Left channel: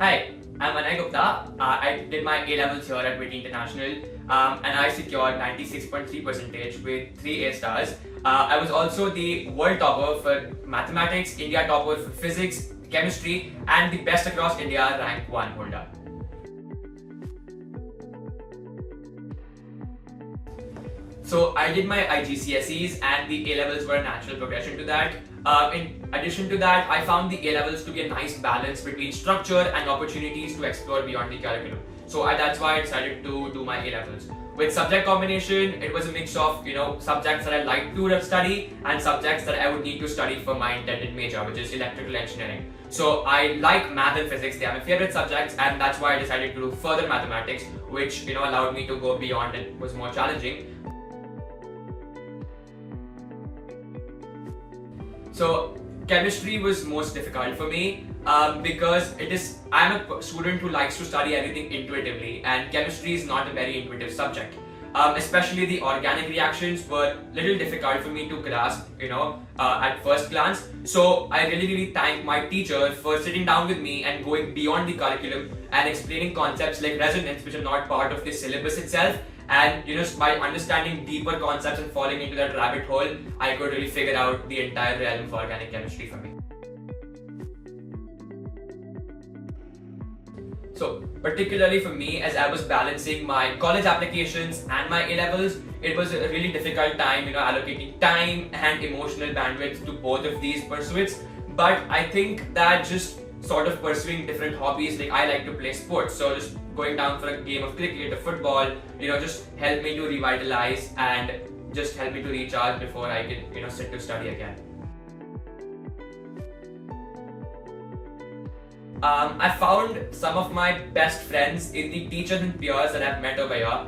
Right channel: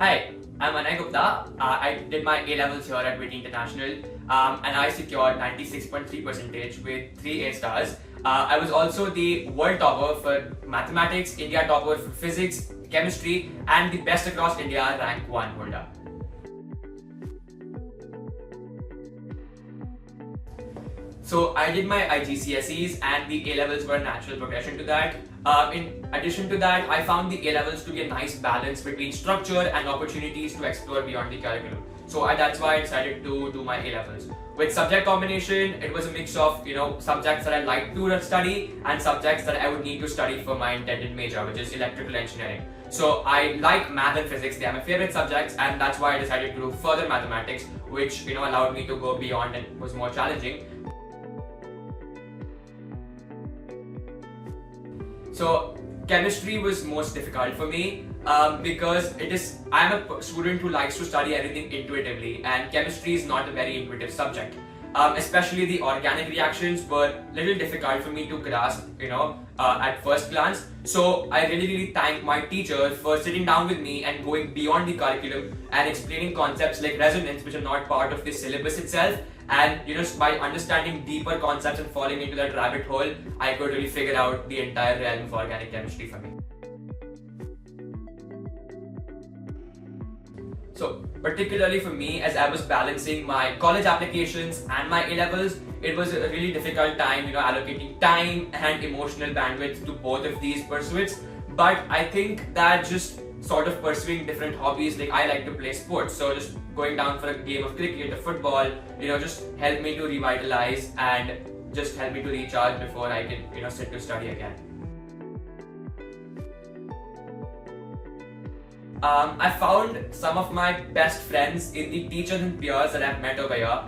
Hi, I'm Anay Gupta. I did my A-levels here at Witty International and I secured 96.3% with 3 A stars. I was also the world topper for mathematics, India topper for physics, chemistry, and the best across India rank 1 holder. So I did my IGCSEs and the A-levels were a natural progression to that. In addition to that, I found the A-levels to be a nice balance between structure and opportunities to explore beyond the curriculum. So that's why I decided to do my A-levels. With subject combination, it was a mix of subjects that I like to study and subjects that I would need to study for my intended major, which is electrical engineering. So I like math and physics; they are my favorite subjects, and that's why I decided to do further mathematics, which allowed me to go beyond and was more challenging. So chemistry was most difficult for me because I'm a student who likes to study everything intuitively, and chemistry is not a very intuitive subject. Especially the organic reactions were a little difficult for me to grasp, at first glance. So I really thank my teacher for sitting down with me and going beyond the curriculum and explaining concepts like resonance, which are not part of the syllabus itself. And by understanding deeper concepts and falling into that rabbit hole, I could really figure out the entire realm of organic chemistry for me. So particularly for me, as I was balancing my college applications and my A-levels, it was a really difficult time, allocating time and emotional bandwidth to both of these pursuits. But I think that just sort of pursuing different hobbies, like I like to play sports, so just going down for a game of cricket or football, just helped me to revitalize and just help me to recharge before I can, sit to study again. I found some of my best friends in the teachers and peers that I've met over here.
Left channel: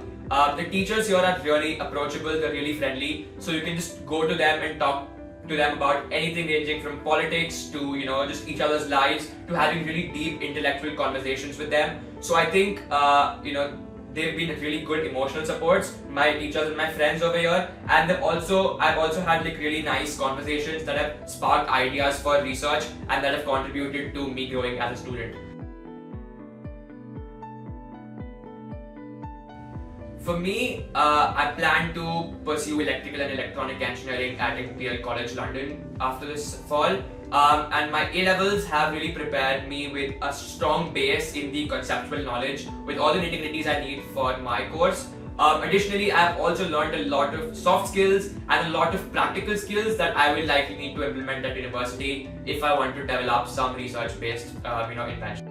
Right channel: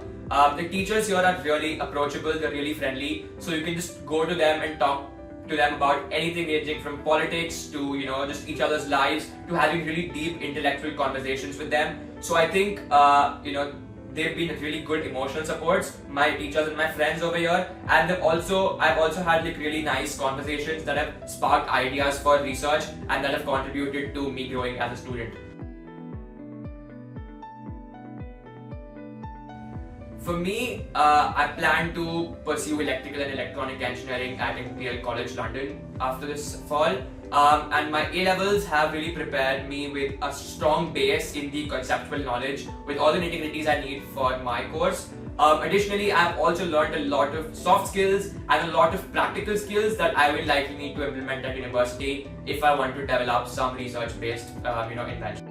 The teachers here are really approachable, they're really friendly, so you can just go to them and talk to them about anything ranging from politics to just each other's lives, to having really deep intellectual conversations with them. So I think they've been really good emotional supports, my teachers and my friends over here, and I've also had really nice conversations that have sparked ideas for research and that have contributed to me growing as a student. For me, I plan to pursue electrical and electronic engineering at Imperial College London after this fall. And my A-levels have really prepared me with a strong base in the conceptual knowledge with all the nitty-gritties I need for my course. Additionally, I've also learned a lot of soft skills and a lot of practical skills that I will likely need to implement at university if I want to develop some research-based invention.